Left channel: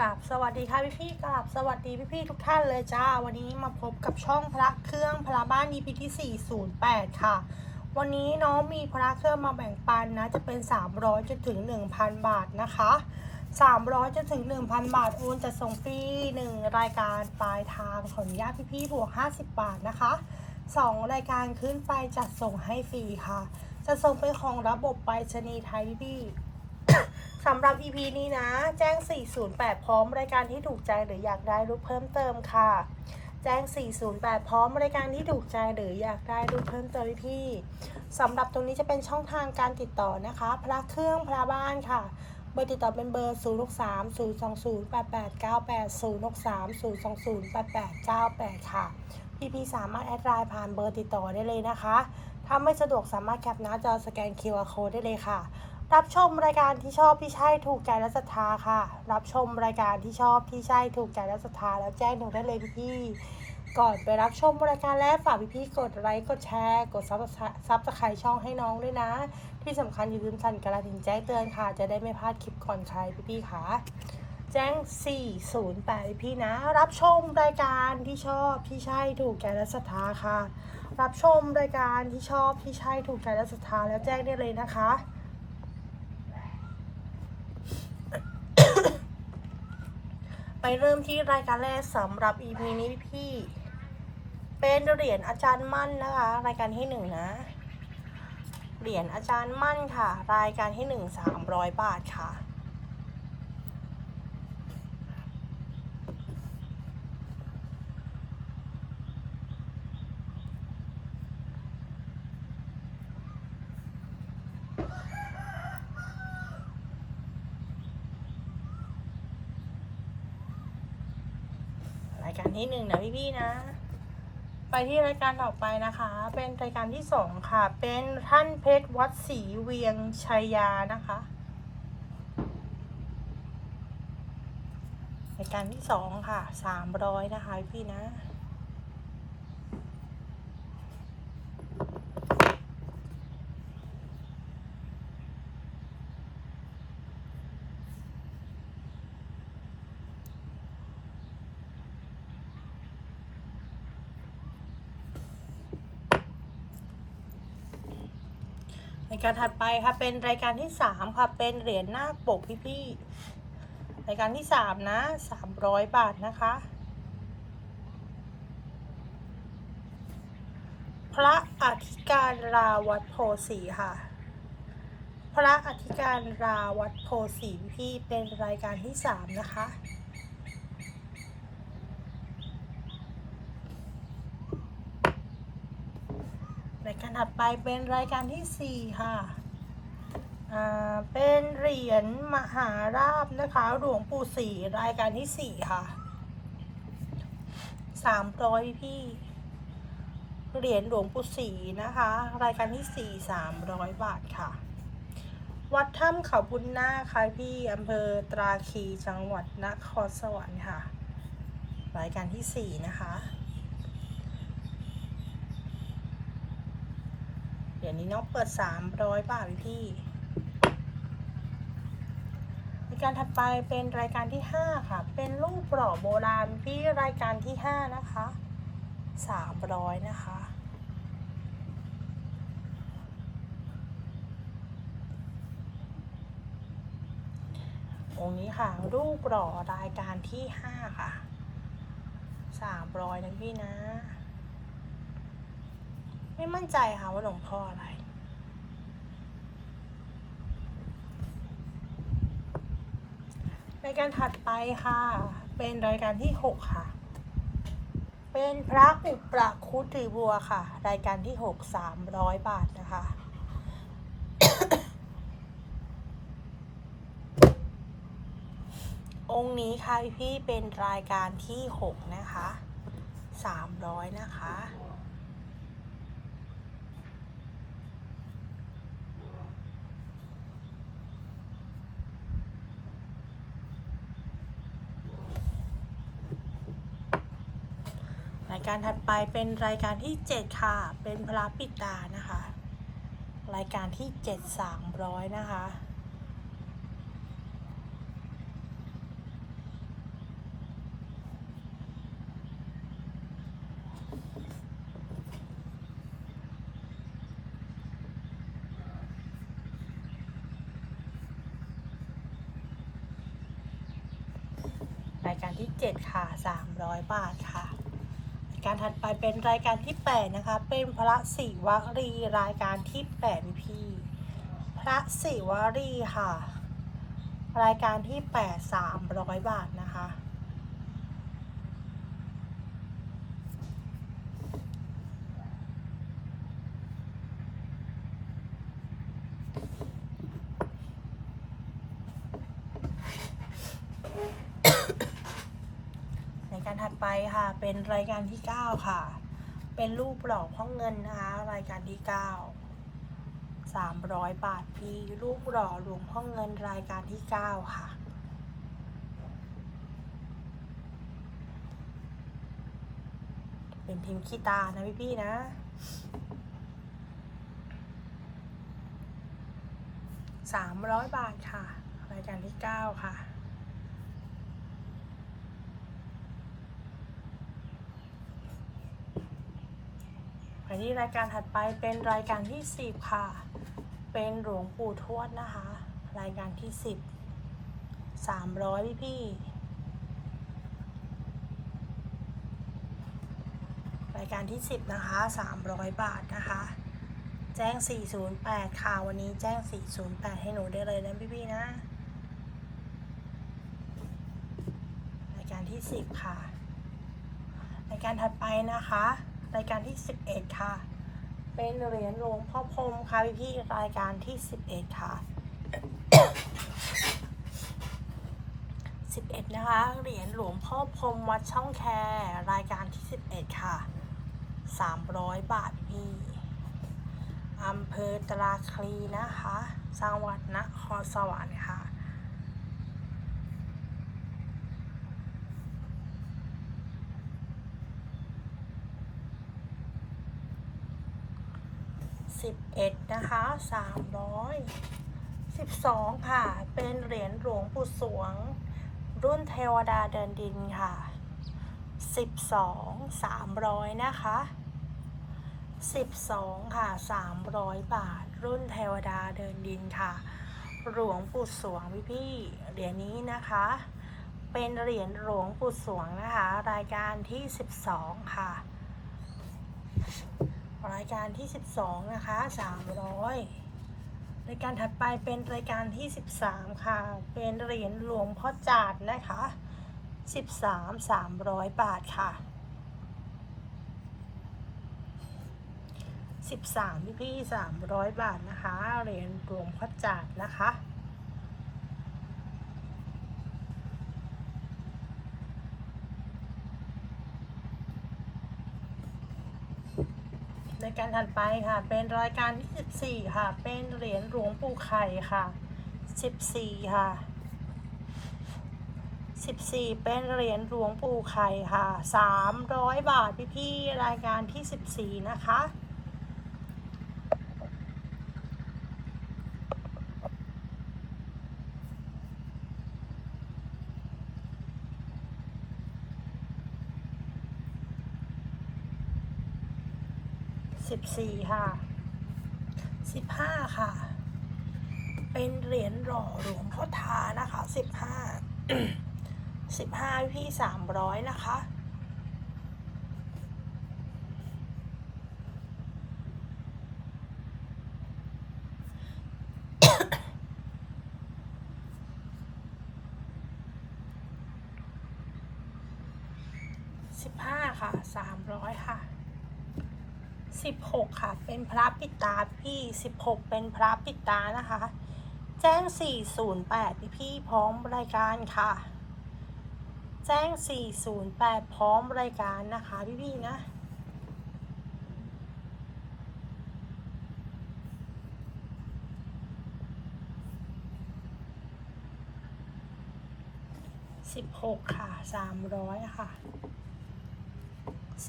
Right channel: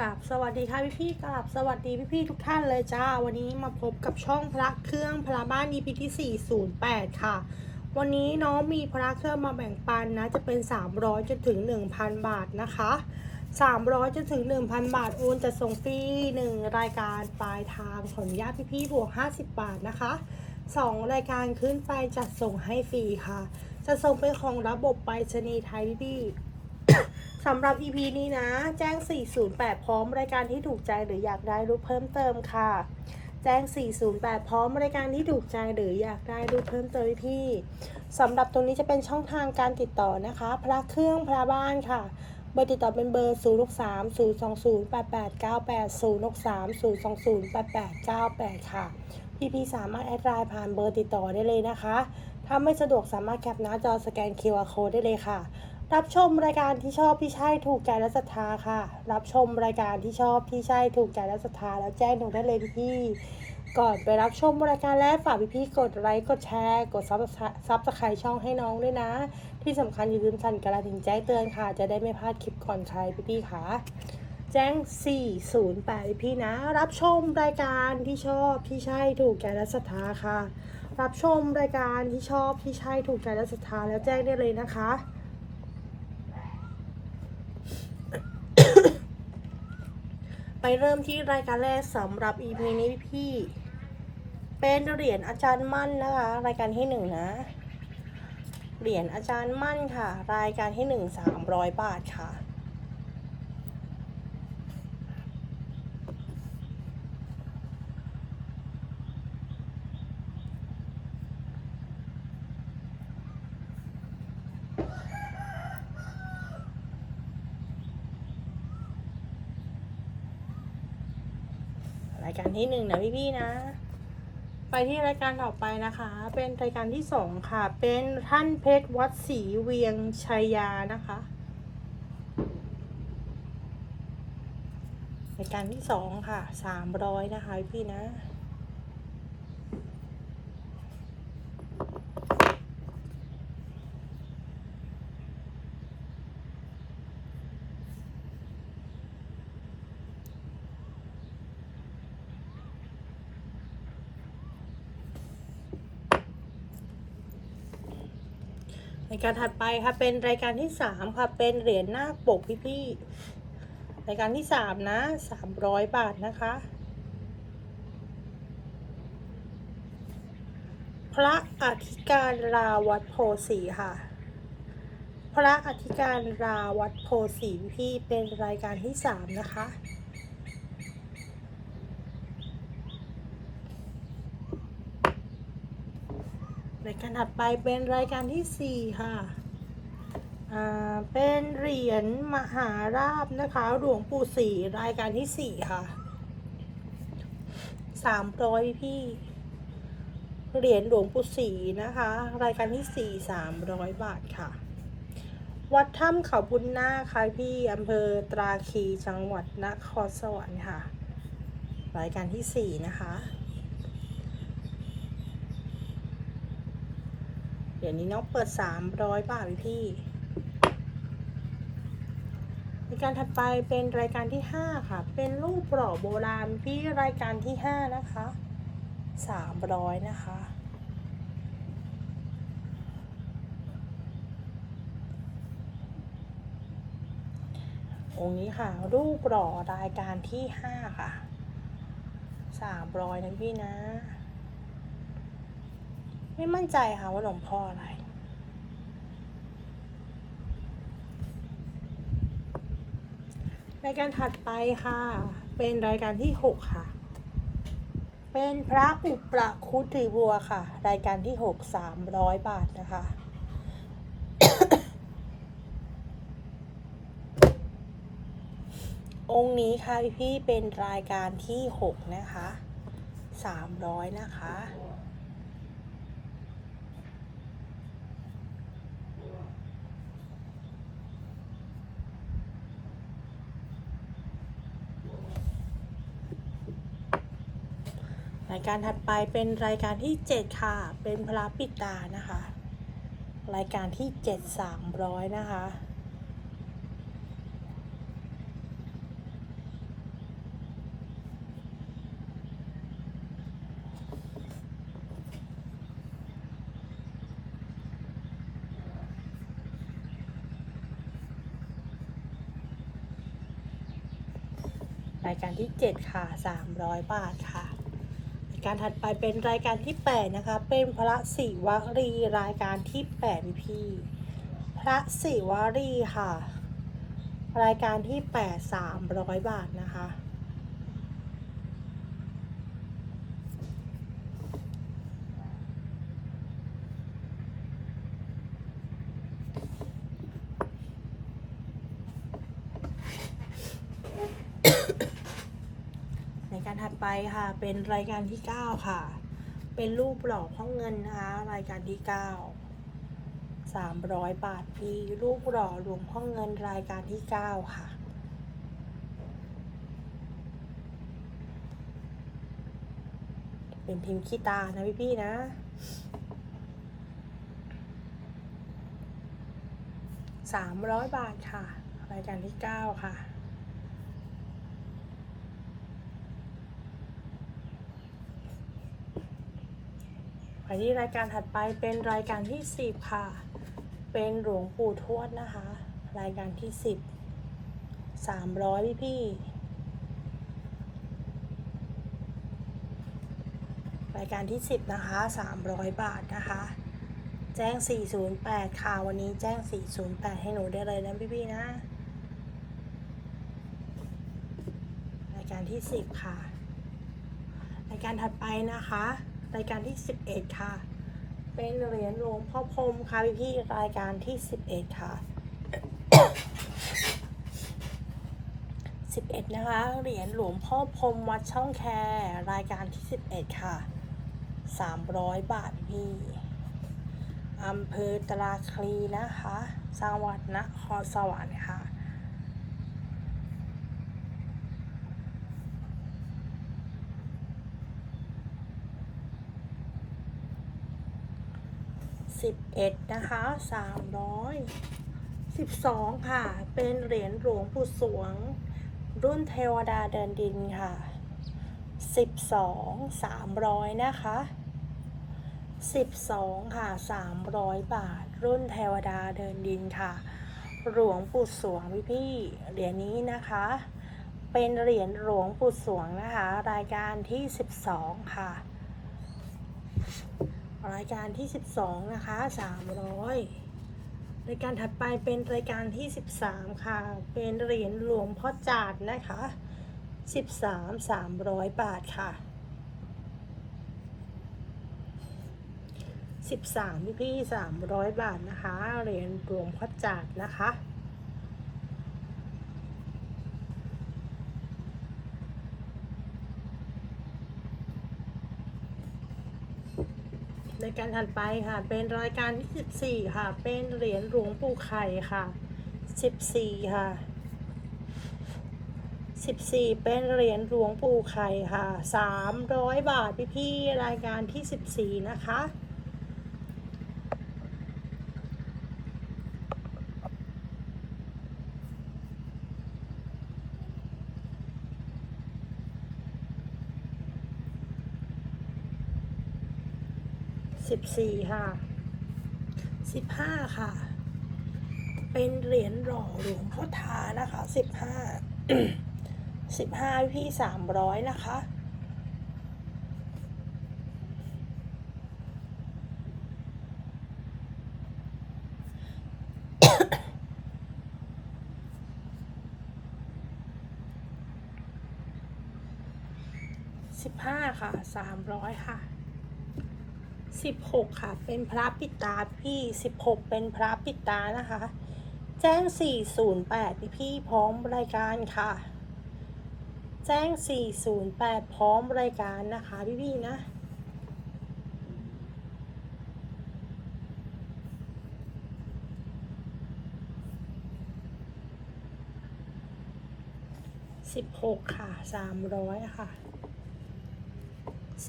กับสวัสดีค่ะพี่พี่กับสวัสดีพี่พี่ทุกท่านเลยจ้า วันนี้มาพบกับช่องพระเครื่องพระบ้าน EP ที่408 ค่ะ วันนี้น้องมีพระเครื่องมาแบ่งปันนะ จะเป็น 300จนถึง 1,000 บาทนะคะ 300จนถึง 1,000 บาท โอนจะส่งฟรี1 รายการปลายทางขออนุญาตพี่พี่บวก 50 บาทนะคะ 2 รายการขึ้นไปจัดส่งให้ฟรีค่ะ จะส่งเป็นของระบบไปรษณีย์ไทยพี่ สำหรับ EP นี้นะ แจ้ง 408 พร้อมรายการที่ถูกใจหรืออยากได้รูปเพิ่มเติมค่ะ แจ้ง 408 พร้อมรายการที่ถูกใจหรืออยากได้รูปเพิ่มเติมพี่สำหรับตรงนี้จะเป็นช่องทางการติดต่อนะคะ พระเครื่องพระบ้านค่ะ เบอร์ติดต่อเป็นเบอร์ 0 6 3 0 2 0 8 8 9 8 0 6 3 0 2 0 8 8 9 8 ค่ะ พี่ๆสามารถแอดไลน์ผ่านเบอร์ติดต่อได้เลยนะคะ ถ้าไม่สะดวกสามารถแคปหน้าจอสแกน QR Code ได้เลยค่ะ รับชมรายการที่ชอบที่ใช่ถูกใจและศรัทธาค่ะ รับชมรายการที่ชอบที่ใช่ถูกใจและศรัทธาแล้วแจ้งหนูได้เลยพี่ก่อนไปรับชมรายการแรกฝากพี่ๆกดไลค์กดแชร์กดซับซับสไครต์ช่องให้น้องด้วยนะ ที่สำคัญอย่าลืมสั่นกระดิ่งแจ้งเตือนค่ะ จะได้ไม่พลาดคลิปก่อนใครพี่ๆค่ะ แจ้ง 408 พี่นะ รับชมรายการที่ชอบที่ใช่ถูกใจและศรัทธาค่ะ รับชมรายการที่ชอบที่ใช่ถูกใจและศรัทธาแล้วแจ้งได้เลยนะคะ ไปเริ่มที่รายการแรกสำหรับ EP นี้พี่ เป็นเหรียญอาจารย์มั่นนะคะ รายการที่หนึ่งนะ เหรียญอาจารย์มั่นค่ะ รายการที่หนึ่งสามร้อยบาทค่ะ ที่หนึ่งนะพี่ๆนะ ไปที่รายการต่อไปนะคะ เป็นรายการที่สองค่ะ เป็นท่านเพชรวัดศรีเวียงชัยยานะคะรายการที่สองค่ะสามร้อยนะคะพี่ๆนะ รายการถัดไปค่ะเป็นรายการที่สามค่ะเป็นเหรียญหน้าปกพี่ๆรายการที่สามนะสามร้อยบาทนะคะ พระอธิการราวัดโพสีค่ะ พระอธิการราวัดโพสีพี่เป็นรายการที่สามนะคะ ราย การถัดไปเป็นรายการที่สี่ค่ะ อ่า เป็นเหรียญมหาราบนะคะ หลวงปู่ศรีรายการที่สี่ค่ะสามร้อยพี่ เหรียญหลวงปู่ศรีนะคะ รายการที่สี่สามร้อยบาทค่ะ วัดถ้ำเขาบุญนาค่ะพี่อำเภอตราคีจังหวัดนครสวรรค์ค่ะ รายการที่สี่นะคะ เดี๋ยวนี้น้องเปิด300บาทพี่พี่รายการถัดไปเป็นรายการที่5ค่ะ เป็นรูปหล่อโบราณพี่รายการที่5นะคะ300นะคะองค์นี้ค่ะ รูปหล่อรายการที่5ค่ะ300นะพี่นะ ไม่มั่นใจค่ะว่าหลวงพ่ออะไร รายการถัดไปค่ะ เป็นรายการที่ 6 ค่ะ เป็นพระอุปราคุตรีบัวค่ะ รายการที่ 6 300 บาทนะคะ องค์นี้ค่ะพี่เป็นรายการที่ 6 นะคะ 300 นะคะ รายการถัดไปเป็นรายการที่ 7 ค่ะ เป็นพระปิตานะคะ รายการที่ 7 300 นะคะรายการที่ 7 ค่ะ 300 บาทค่ะ การถัดไปเป็นรายการที่ 8 นะคะ เป็นพระศิวรีรายการที่8พี่พระศิวรีค่ะ รายการที่ 8 300 บาทนะคะ ในการถัดไปค่ะ เป็นรายการที่ 9 ค่ะ เป็นรูปหล่อห้องเงินนะคะรายการที่ 9 300 บาทพีรูปหล่อหลวงพ่อเงินรายการที่ 9 ค่ะเป็นพิมพ์ขี้ตานะพี่พี่ๆนะ สามร้อยบาทค่ะ รายการที่เก้าค่ะ ที่รายการถัดไปเป็นรายการที่สิบค่ะ เป็นหลวงปู่ทวดนะคะ รายการที่สิบสามร้อยพี่พี่รายการที่สิบนะคะสามร้อยบาทนะคะ แจ้ง 408 ค่ะ วันนี้แจ้ง 408 ให้หนูได้เลยนะพี่พี่นะ รายการที่ 10 ค่ะ รายการถัดไปนะคะ รายการที่ 11 ค่ะ เป็นเหรียญหลวงพ่อพรมค่ะพี่พี่รายการที่ 11 ค่ะ 11 นะคะ เหรียญหลวงพ่อพรมวัดช่องแครายการที่ 11 ค่ะ 300 บาทพี่อำเภอตราคลีนะคะ จังหวัดนครสวรรค์ค่ะ สิบเอ็ดนะคะสามร้อยสิบสองค่ะ เป็นเหรียญหลวงปู่สวง รุ่นเทวดาเดินดินค่ะสิบสองสามร้อยนะคะ12ค่ะ300บาท รุ่นเทวดาเดินดินค่ะ หลวงปู่สวงพี่พี่เหรียญนี้นะคะ เป็นเหรียญหลวงปู่สวงนะคะ รายการที่12ค่ะ รายการที่ 12 นะคะ 300 รายการถัดไปเป็นรายการที่ 13 ค่ะ เป็นเหรียญหลวงพ่อจาดนะคะ 13 300 บาทค่ะสิบสามพี่พี่สามร้อยบาทนะคะ เหรียญหลวงพ่อจาดนะคะ ในการถัดไปค่ะ เป็นรายการที่สิบสี่ค่ะ เป็นเหรียญหลวงปู่ไข่ค่ะสิบสี่ค่ะสิบสี่เป็นเหรียญหลวงปู่ไข่ค่ะสามร้อยบาทพี่พี่ๆรายการที่สิบสี่นะคะ สิบสี่ค่ะสิบห้าค่ะ เป็นเหรียญหล่อหลวงพ่อทานะคะสิบห้าสิบห้าพี่สามร้อยนะคะสิบห้าค่ะสามร้อยค่ะ สิบหกค่ะ เป็นพระปิตาพี่สิบหกเป็นพระปิตานะคะ แจ้งสี่ศูนย์แปดพี่พี่พร้อมรายการค่ะ แจ้งสี่ศูนย์แปดพร้อมรายการนะคะพี่พี่ๆนะสิบหกค่ะสามร้อยค่ะ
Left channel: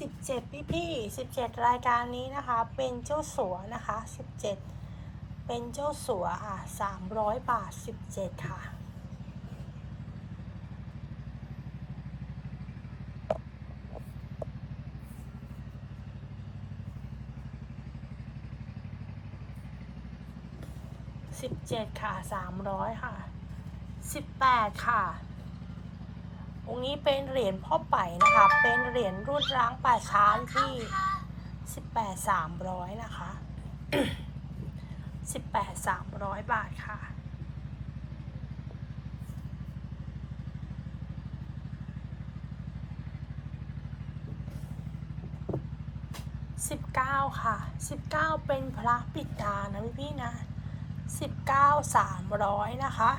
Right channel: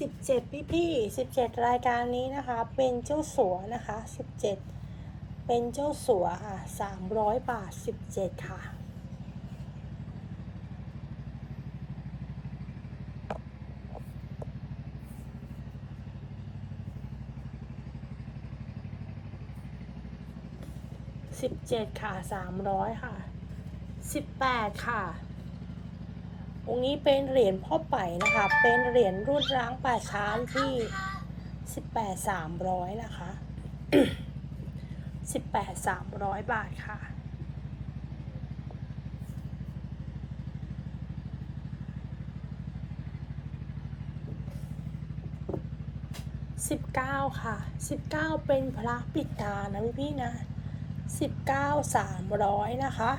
สิบเจ็ดพี่พี่สิบเจ็ดรายการนี้นะคะ เป็นเจ้าสัวนะคะสิบเจ็ดเป็นเจ้าสัวค่ะสามร้อยบาทสิบเจ็ดค่ะสิบเจ็ดค่ะสามร้อยค่ะสิบแปดค่ะ องค์นี้เป็นเหรียญพ่อไปนะคะ เป็นเหรียญรุ่นร้างป่าช้าที่สิบแปดสามร้อยนะคะสิบแปดสามร้อยบาทค่ะสิบเก้าค่ะสิบเก้าเป็นพระปิดตานะพี่พี่นะสิบเก้าสามร้อยนะคะ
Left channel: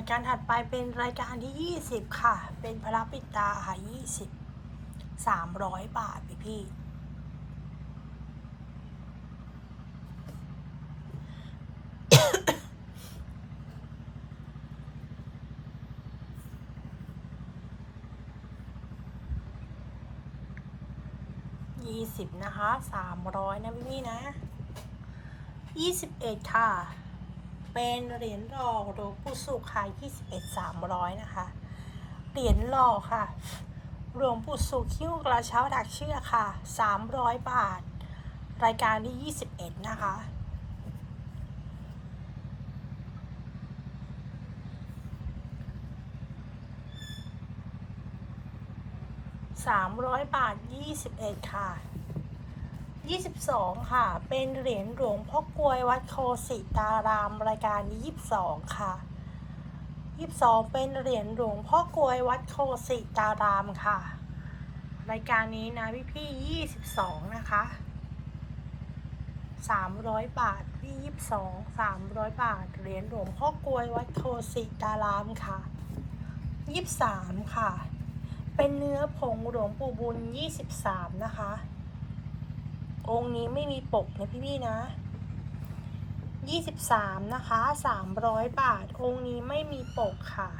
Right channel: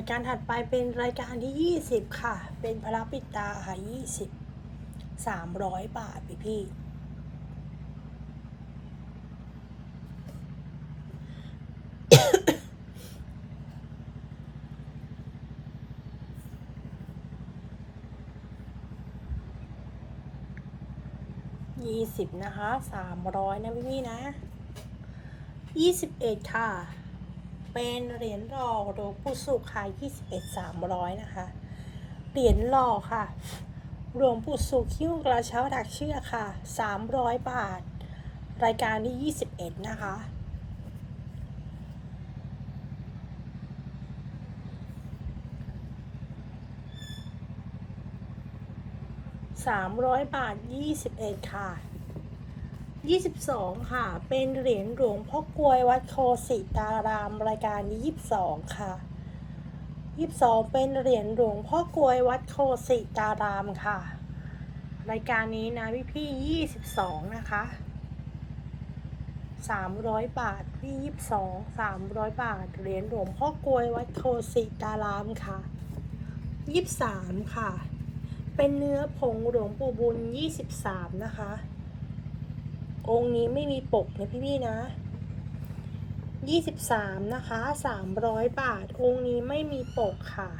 ายการถัดไปเป็นรายการที่ 20 ค่ะ เป็นพระปิตาค่ะ20 300 บาทพี่พี่ยี่สิบนะคะสามร้อยนะพี่พี่นะยี่สิบเอ็ดค่ะ เป็นเหรียญหล่อหลวงปู่สุขค่ะยี่สิบเอ็ดสามร้อยนะคะ เหรียญหล่อค่ะ หลวงปู่สุขคิ้วกระเช้าดักเชือกค่ะสามร้อยบาท รายการที่ยี่สิบเอ็ดนะคะสามร้อยบาทยี่สิบเอ็ดค่ะ ยี่สิบสองค่ะ เป็นเหรียญหลวงพ่อกลวยวัดโคสิตารามรายการนี้ยี่สิบสองค่ะยี่สิบสองเป็นเหรียญหลวงพ่อกลวยวัดโคสิตารามค่ะ รายการนี้นะพี่พี่ยี่สิบสองนะคะสามร้อยบาทพี่ยี่สิบสองสามร้อยบาท เหรียญหลวงพ่อกลวยวัดโคสิตารามค่ะยี่สิบสามค่ะ เป็นเนื้อผงหลวงปู่บุญยี่สิบสามนะคะ องค์นี้ไม่มีปกนะพี่พี่ๆนะยี่สิบสามนะคะสามร้อยบาท องค์นี้ไม่มีปกค่ะ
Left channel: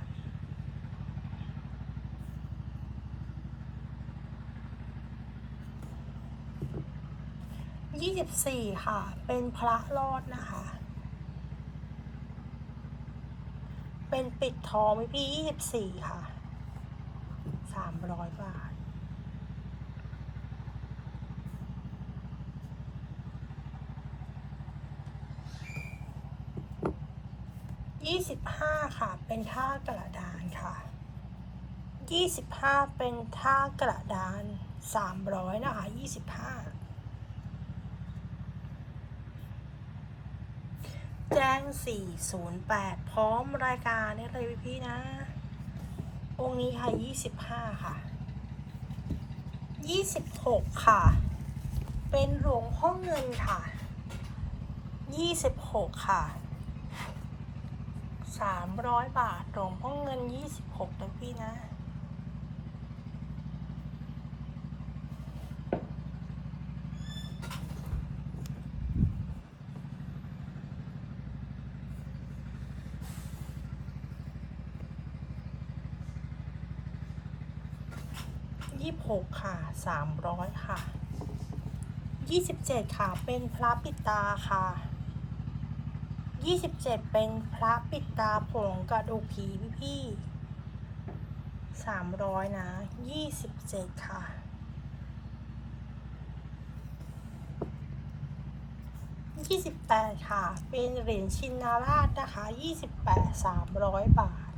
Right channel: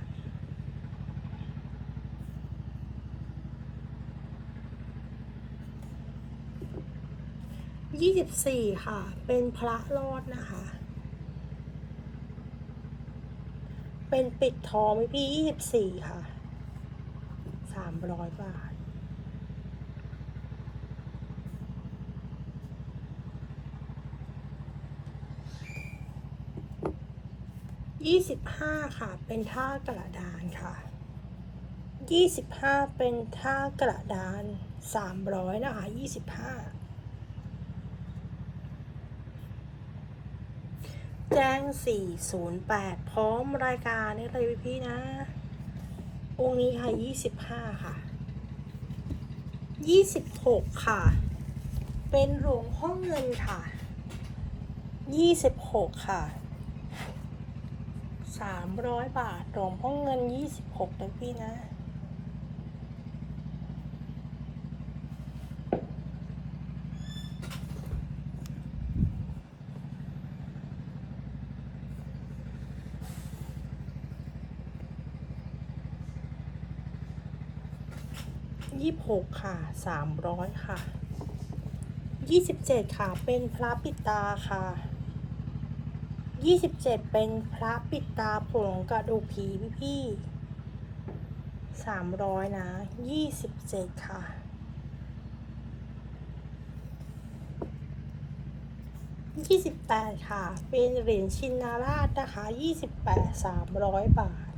ยี่สิบสี่ค่ะ เป็นพระรอดนะคะ เป็นปิดทองพี่พี่ยี่สิบสี่ค่ะสามร้อยบาท ยี่สิบห้าค่ะ เป็นท่ากระดานค่ะยี่สิบห้าเป็นท่ากระดานสามร้อยนะคะยี่สิบห้าแจ้งสี่ศูนย์แปดพร้อมรายการนี่เลยพี่ๆนะ องค์นี้ค่ะยี่สิบห้าค่ะยี่สิบหกค่ะ เป็นหลวงพ่อเงินค่ะยี่สิบหกค่ะ สามร้อยบาทหลวงพ่อเงินยี่สิบหกนะพี่นะ ยี่หกค่ะสามร้อยค่ะยี่สิบเจ็ดค่ะ เป็นพระปิดตาค่ะ ยี่สิบเจ็ดเป็นพระปิดตาผงกระดูกผีพี่พี่สามร้อยนะยี่สิบเจ็ดค่ะยี่สิบแปดค่ะ เป็นเหรียญชินนาราชนะคะยี่สิบแปดสามร้อยบาท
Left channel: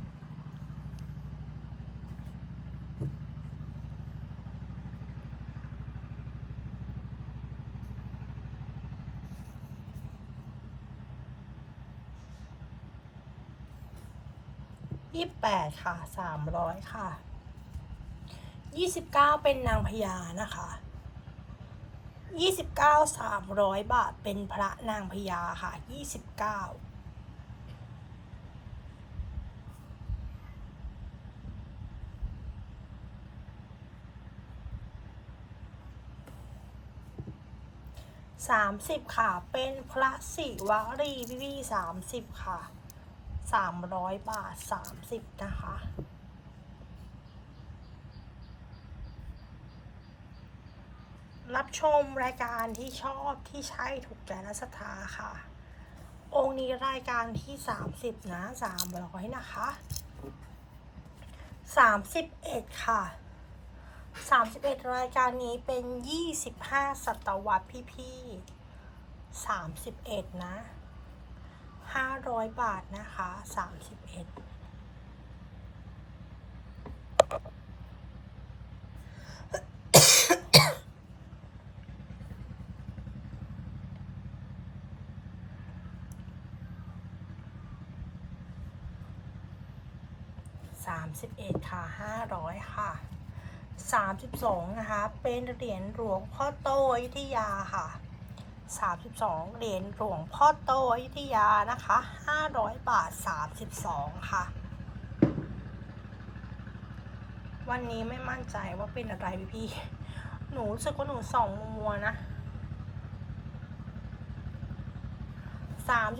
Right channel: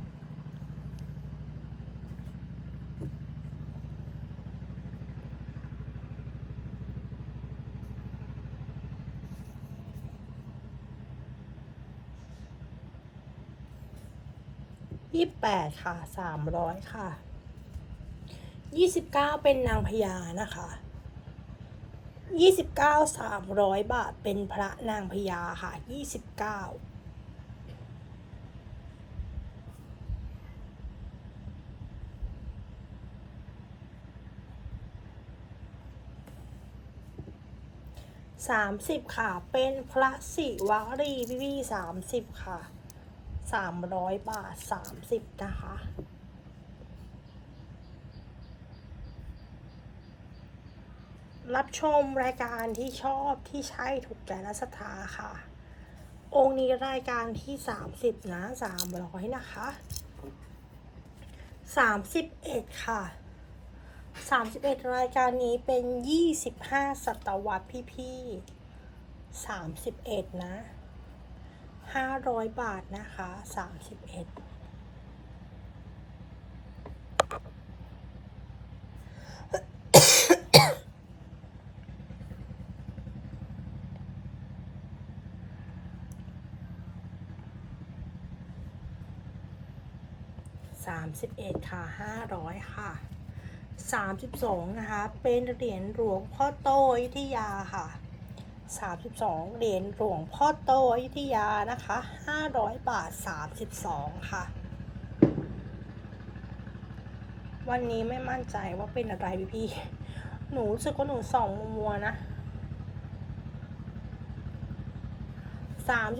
ยี่แปดค่ะสามร้อยค่ะยี่สิบเก้าเป็นนางพญานะคะยี่สิบเก้าสามร้อยบาทเป็นพระนางพญาค่ะยี่สิบเก้าสามสิบค่ะ เป็นพระศิวรีพี่พี่สามสิบค่ะ สามร้อยบาทสามสิบนะคะรับชมรายการที่ชอบที่ใช่ถูกใจและศรัทธาค่ะ องค์นี้รายการที่สามสิบนะสามร้อยนะคะสามสิบเอ็ดค่ะ 31 รายการนี้เป็น 25 ศตวรรษพี่ๆ31 นะ 500 บาทนะคะ 31 31ค่ะ500ค่ะ32นะคะ เป็นเหรียญหลวงพ่อโตอยุธยาค่ะ 32 เหรียญหลวงพ่อโตอยุธยานะคะ 500 บาท 32 ค่ะ วันนี้ไม่มั่นใจว่าเป็นอะไรพี่พี่ หนูรู้สึกว่าหนูส่องมัวๆนะ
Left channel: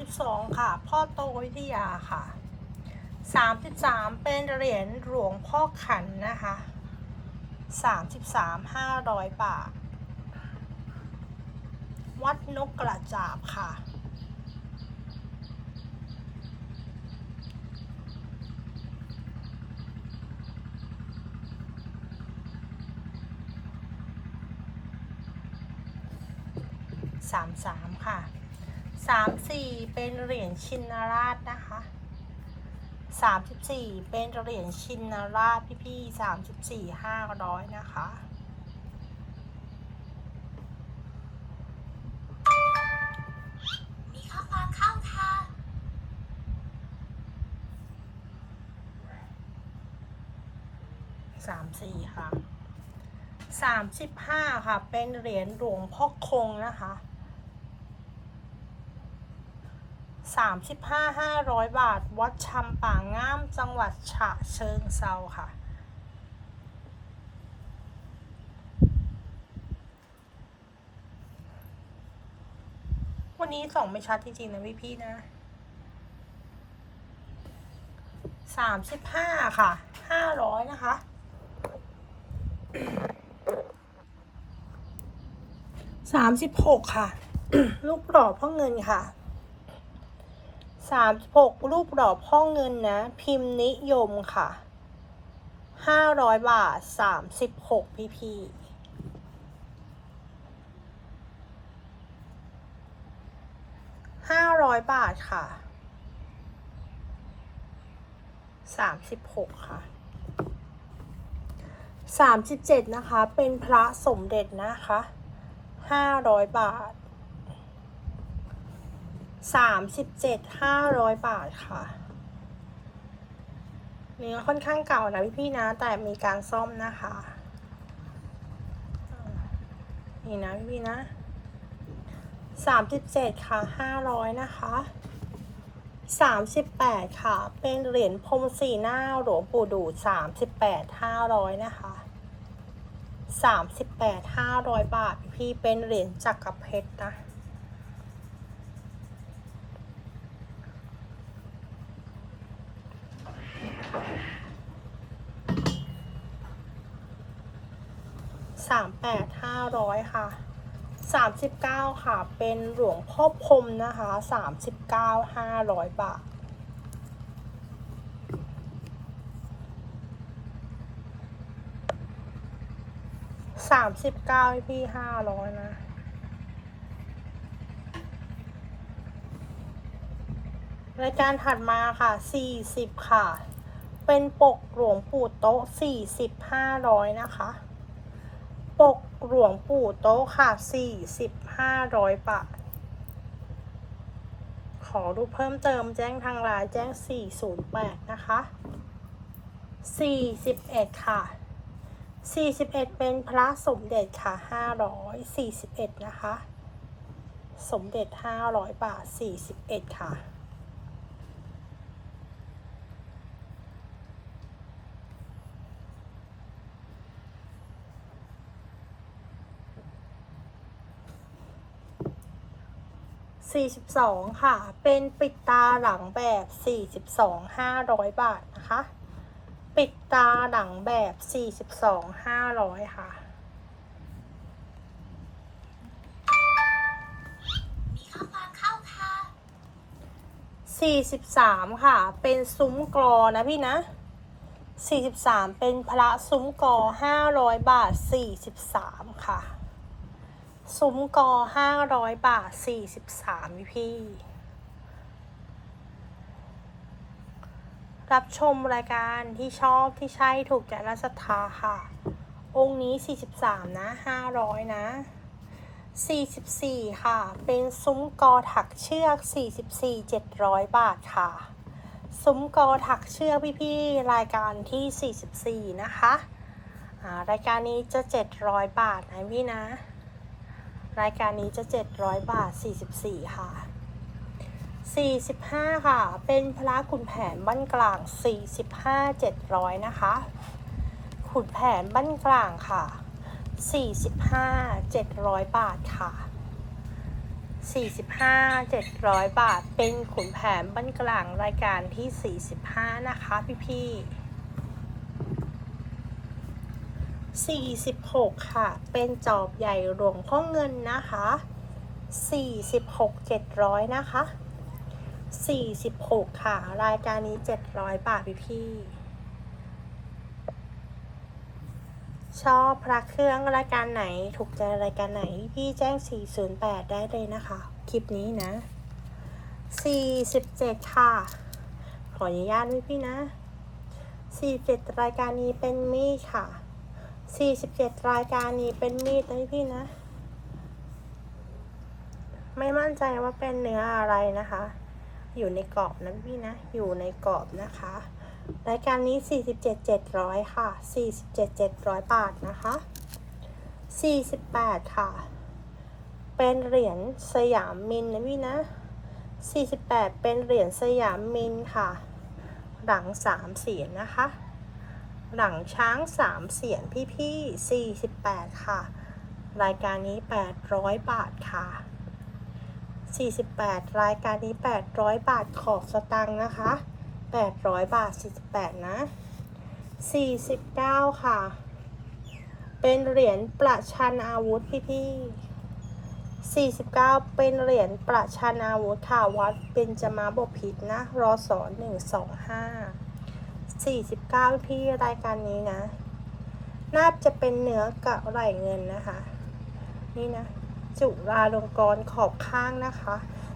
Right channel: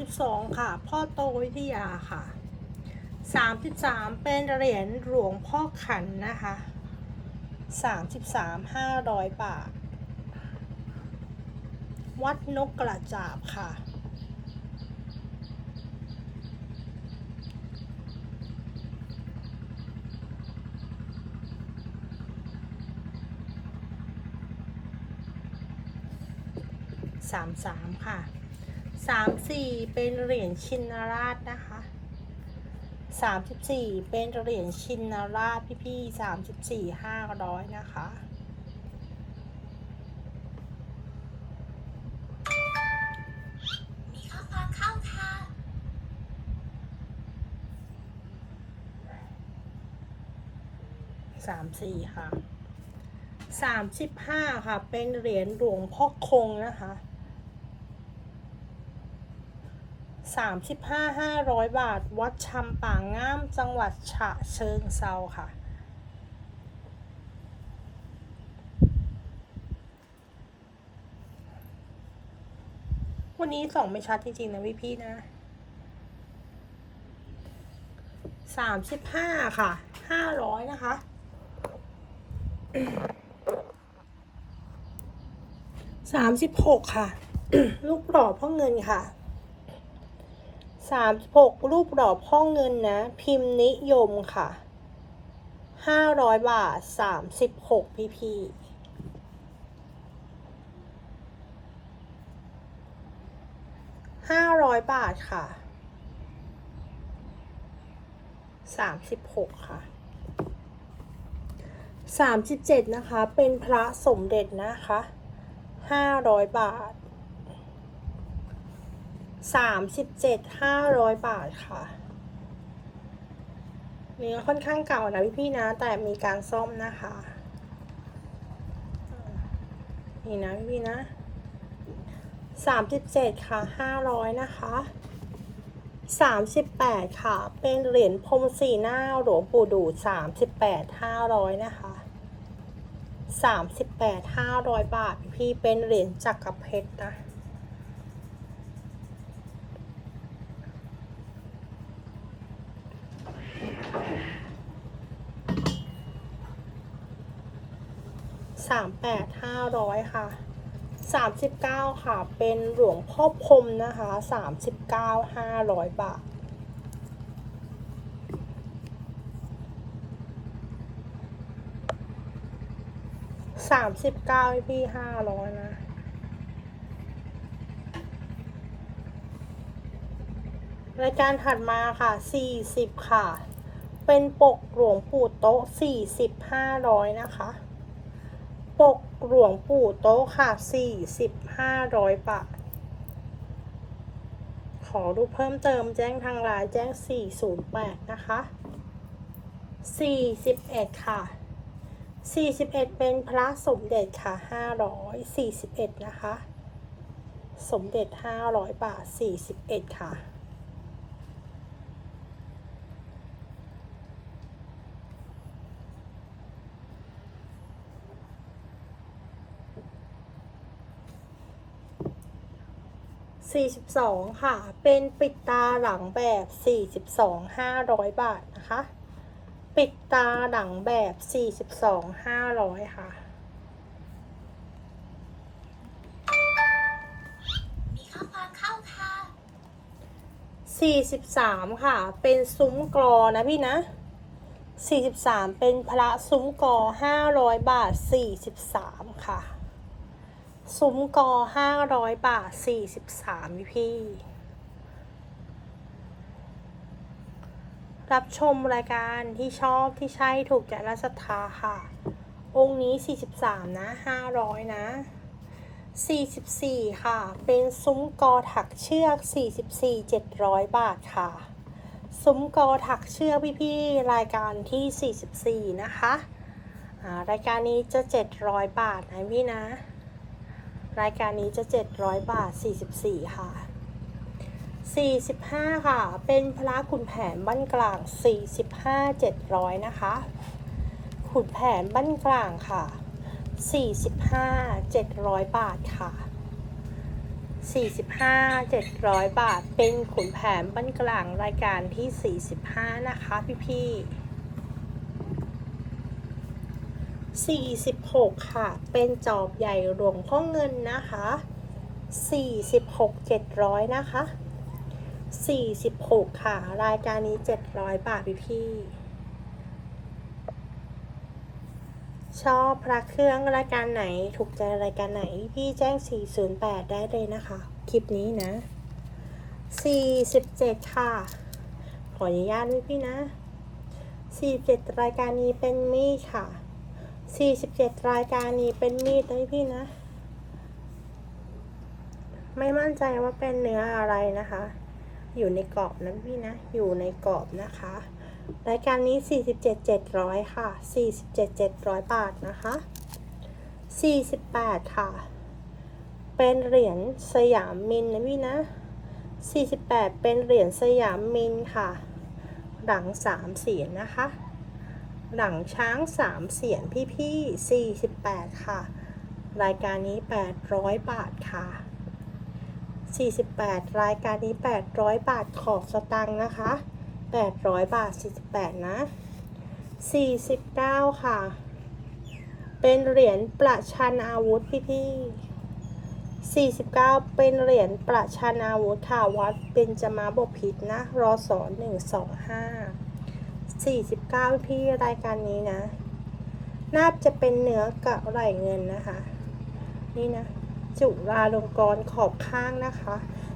32 ค่ะ พ่อโตอยุธยาค่ะ 33 เป็นเหรียญหลวงพ่อขันนะคะ 33 500 บาท วัดนกกระจาบค่ะ33ค่ะ34เป็นเหรียญชินราชนะคะ34เป็นเหรียญชินราชพี่พี่34 500นะคะ 34ค่ะ35ค่ะ เป็นเหรียญหลวงพ่อคงนะคะ35 500บาท วัดชำป่างงามจังหวัดฉะเชิงเซาค่ะวันนี้ส่องไม่ชัดจริงๆนะพี่พี่ๆนะสามสิบห้าค่ะ ห้าร้อยนะคะ สามสิบหกค่ะ ลูกหล่อพ่อเงินค่ะสามสิบหกรูปหล่อพ่อเงินนะ พิมพ์นิยมค่ะห้าร้อยบาทสามสิบหกพี่พี่ห้าร้อยบาทค่ะสามสิบหกค่ะ สามสิบเจ็ดนะคะ เป็นพระสมเด็จนะคะห้าร้อยบาทสามสิบเจ็ดห้าร้อยบาทค่ะ เนื้อค่อนข้างเก่านะพี่ๆนะ แต่มีการซ่อมนะคะ นี่นะพี่ๆนะสามสิบเจ็ดค่ะห้าร้อยนะคะสามสิบแปดค่ะ เป็นเหรียญพรมสีหน้าหลวงปู่ดูสามสิบแปดห้าร้อยนะคะ สามสิบแปดห้าร้อยบาท พี่เป็นเหรียญจักรเพชรนะสามแปดห้าร้อยค่ะสามสิบเก้าค่ะ เป็นหลวงพ่อพรมนะคะสามสิบเก้าห้าร้อยบาท สามสิบเก้าพี่ห้าร้อยนะ รายการถัดมาค่ะสี่สิบค่ะ เป็นปกหลวงปู่โต๊ะสี่สิบห้าร้อยนะคะ ปกหลวงปู่โต๊ะค่ะสี่สิบห้าร้อยบาทขอรูปเพิ่มเติมแจ้งทางไลน์แจ้งสี่ศูนย์แปดนะคะสี่สิบเอ็ดค่ะ สี่สิบเอ็ดเป็นพระสมเด็จค่ะห้าร้อยสี่สิบเอ็ดนะคะ สมเด็จห้าร้อยบาทสี่สิบเอ็ดค่ะ 42 ค่ะ เป็นปิดตาหลังแบบ 42 500 บาทนะคะ ปิดตาหลังแบบ42 500ค่ะ มีข้อความเข้าค่ะ43ค่ะ เป็นซุ้มกรอนะพี่นะ43เป็นพระซุ้มกอ500บาท43ค่ะ ซุ้มกอ500บาท43พี่พี่ รับชมรายการที่ชอบที่ใช่ถูกใจและศรัทธาค่ะ องค์นี้ 43 นะ 500 นะ 44 ค่ะ เป็นซุ้มกอถักเชือก 44 700 บาทค่ะ ซุ้มกอถักเชือกพี่ๆ รายการที่ 44 นะคะรายการนี้จะ 700 บาทนะพี่นะ รายการนี้จะ 700 บาท 44 ค่ะ 45 ค่ะ เป็นพระขุนแผนบ้านกลาง 45 700 นะคะ ขุนแผนบ้านกลางค่ะ 45 700 บาทค่ะ 45 700 บาท เป็นขุนแผนบ้านกลางรายการที่ 45 นะคะ พี่พี่46 ค่ะ เป็นจอบใหญ่หลวงพ่อเงินนะคะ 46 700 นะคะ 46 ค่ะ รายการนี้ 700 บาทพี่พี่ ชอบพระเครื่องรายการไหน ถูกใจรายการไหน พี่แจ้ง 408 ได้เลยนะคะ คลิปนี้นะ 47 ค่ะ ขออนุญาตพี่พี่นะ 47 รายการนี้เป็นมีดค่ะ 47 รายการนี้เป็นมีดนะพี่พี่นะไม่มั่นใจว่าเป็นเนื้ออะไรนะคะ อยู่ในกรอบนะพี่นะ อยู่ในกรอบนะคะ รายการนี้ 47 700 ค่ะ 47 700 บาทนะคะ 48 ค่ะ เป็นเหรียญสยามมินนะพี่นะ 48 เป็นเหรียญสยามมินค่ะ หลัง3เสียนนะคะ หลังช้าง3เสียนพี่พี่48 ค่ะ รายการนี้ 800 บาทค่ะ 48 รายการนี้ 800 บาทขอสตังค์นะคะ 800 บาท 48 นะ 49 ค่ะ เป็นเหรียญประชันอาวุธพี่พี่49 เป็นเหรียญประชันอาวุธค่ะวัดเป็นจมาบพิษนะ รอสอ125 49 พี่รายการนี้นะ น่าจะเป็นเนื้อกะไหลเงินนะคะ นี่นะ จุฬาลงกรณ์ขอบข้างนะคะ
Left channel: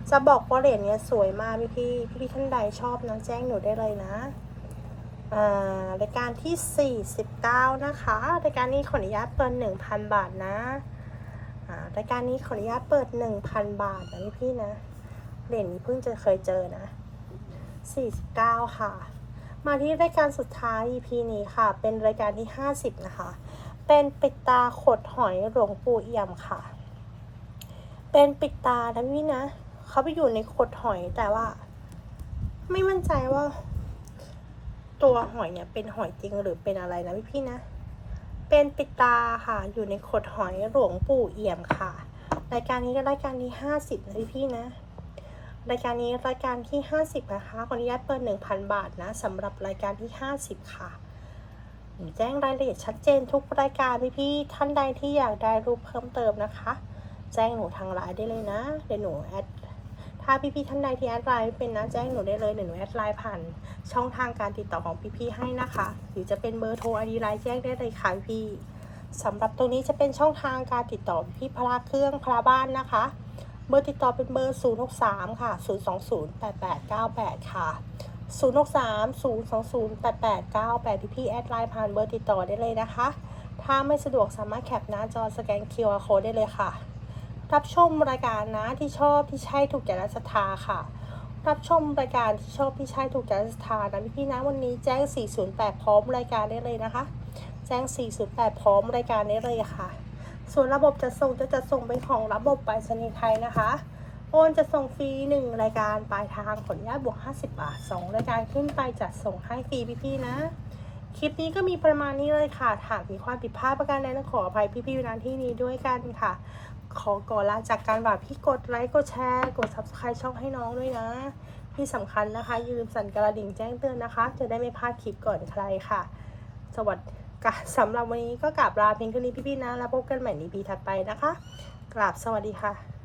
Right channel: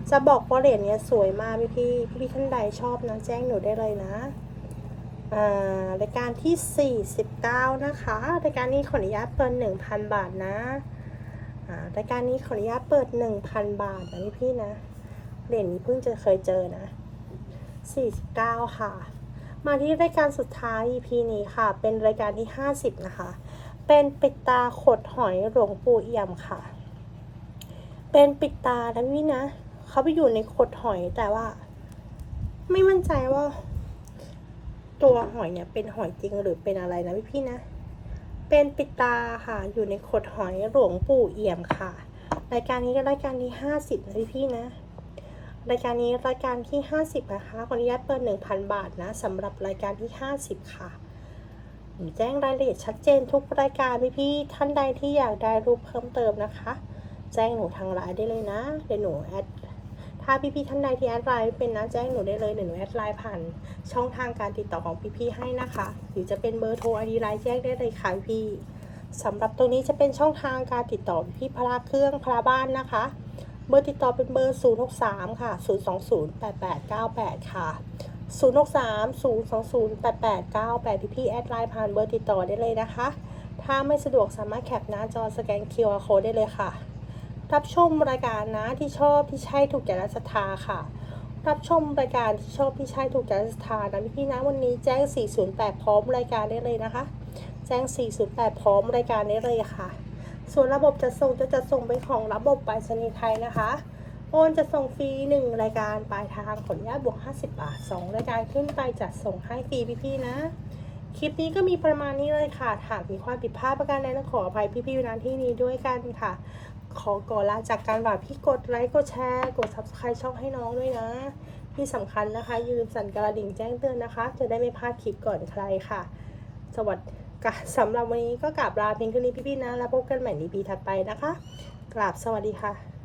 จะบอกว่าเหรียญเนี้ยสวยมากพี่พี่พี่ท่านใดชอบนะแจ้งหนูได้เลยนะอ่ารายการที่ 49 นะคะรายการนี้ขออนุญาตเปิด 1,000 บาทนะอ่ารายการนี้ขออนุญาตเปิด 1,000 บาทนะพี่พี่นะเหรียญนี้เพิ่งจะเคยเจอนะ 49 ค่ะ มาที่รายการสุดท้าย EP นี้ค่ะ เป็นรายการที่ 50 นะคะ เป็นปิดตาขดหอยหลวงปู่เอี่ยมค่ะ เป็นปิดตานะพี่นะเขาไปอยู่ในขดหอยแต่ว่า ไม่มั่นใจว่า ตัวหอยเนี่ย เป็นหอยจริงหรือเป็นอะไรนะพี่พี่นะ เป็นปิดตาค่ะ อยู่ในขดหอยหลวงปู่เอี่ยมค่ะรายการนี้ก็รายการที่ห้าสิบนะพี่พี่นะรายการนี้รายการที่ห้าสิบนะคะขออนุญาตเปิดหนึ่งพันบาทนะสำหรับรายการที่ห้าสิบค่ะแจ้งรายละเอียดชัดเจนทุกรายการพี่พี่ท่านใดที่อยากได้รูปเพิ่มเติมนะคะ แจ้งหนูทางไลน์ได้เลยนะเดี๋ยวหนูแอดถ้าพี่ๆท่านใดที่แอดไลน์เป็นนะแจ้งหนูได้เลยเดี๋ยวหนูแอดไลน์ผ่านช่องทางการติดต่อของพี่ๆให้นะคะ หรือจะเป็นเบอร์โทรไอดีไลน์แจ้งได้เลยค่ะพี่สำหรับตรงนี้จะเป็นช่องทางการติดต่อพี่พลาเครื่องพลาบ้านนะคะ เบอร์ติดต่อเป็นเบอร์ 0 6 3 ค่ะ 0 2 0 8 8 9 8 ค่ะ 0 6 3 0 2 0 8 8 9 8พี่ๆแอดไลน์ผ่านเบอร์ติดต่อได้เลยนะคะ ถ้าไม่สะดวกสามารถแคปหน้าจอสแกน QR code ได้เลยค่ะ รับชมรายการนะที่ชอบที่ใช่ถูกใจและศรัทธาค่ะ รับชมรายการที่ชอบที่ใช่ถูกใจและศรัทธานะพี่นะวันนี้แจ้ง 408 พร้อมรายการได้เลยนะคะ แจ้ง 408 พร้อมรายการได้เลยค่ะ ส่วนระบบจัดส่งจะจัดส่งเป็นของระบบไปรษณีย์ไทยนะคะโอนจะส่งฟรี1รายการปลายทางผลญาตบวก 50 บาท 2 รายการขึ้นไปจัดส่งให้ฟรีพี่ๆนะ คลิปนี้ก็มีประมาณนี้เลยค่ะหากมีความผิดพลาดประการใดต้องขออภัยพี่ๆในที่นี้ด้วยกันค่ะ ขอก่อนลาจากการบ่าพี่กดไลค์กดแชร์กด subscribe ช่องให้น้องด้วยนะ ที่สำคัญนะคะอย่าลืมสั่นกระดิ่งแจ้งเตือนนะคะ จะได้ไม่พลาดคลิปก่อนใครค่ะ สวัสดีค่ะสำหรับวันนี้ก็กราบลาเพียงเท่านี้พี่ๆนะ แล้วพบกันใหม่ในปีถัดไปนะคะ กราบสวัสดีค่ะ